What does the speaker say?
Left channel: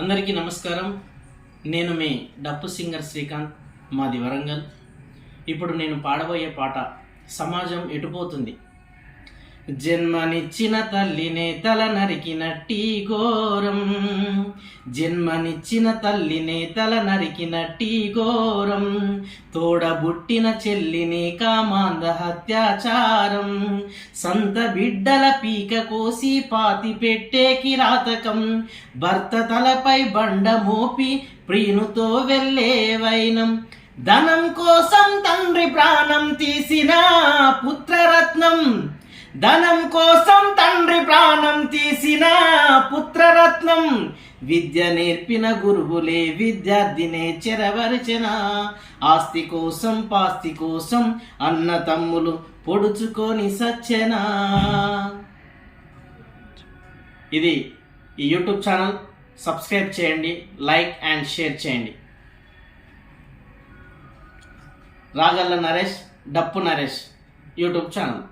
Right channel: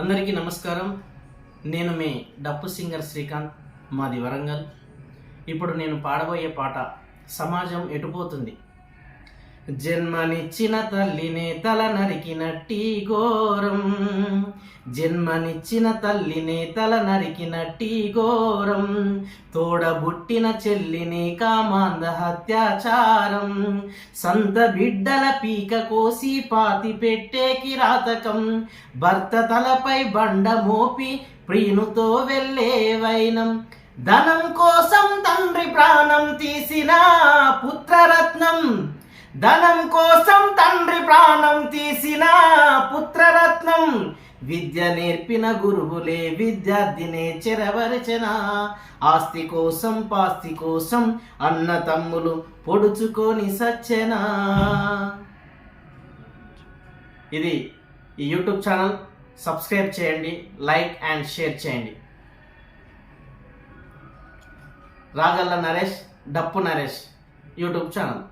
అందరికీ నమస్కారం. నేను మీ డప్పు సింగర్ శ్రీకాంత్, మాది వరంగల్. ఇప్పుడు నేను పాడబోయే పాట సమాజం ఎటుపోతుంది. జన్మనిచ్చిన తల్లినే తల నరికినట్టి ఘోరం, జన్మనిచ్చిన తల్లినే తల నరికినట్టి ఘోరం, తోడబుట్టిన చెల్లిని కామాంధ అత్యాచారం, సంత బిడ్డల పీక కోసి పాతి పెట్టే కిరాతకం, భర్త తలపై బండ మోపి ప్రియునితో వెళ్ళే వైనం, ధనం కోసం తండ్రి ప్రాణం తీసిన పుత్రరత్నం, ధనం కోసం తండ్రి ప్రాణం తీసిన పుత్రరత్నం, విద్య నేర్పిన గురువులే విద్యార్థినే చెరవరచన, ఆస్తి కోసం పాస్తి కోసం అన్న తమ్ములు పొడుచుకొని సచ్చెనా. ఇది ఈ యూట్యూబ్ ఛానల్. సబ్స్క్రైబ్ చేయండి, లైక్ అండ్ షేర్ చేయండి. రాగల్ల నరేష్, డప్పు నరేష్ యూట్యూబ్ ఛానల్.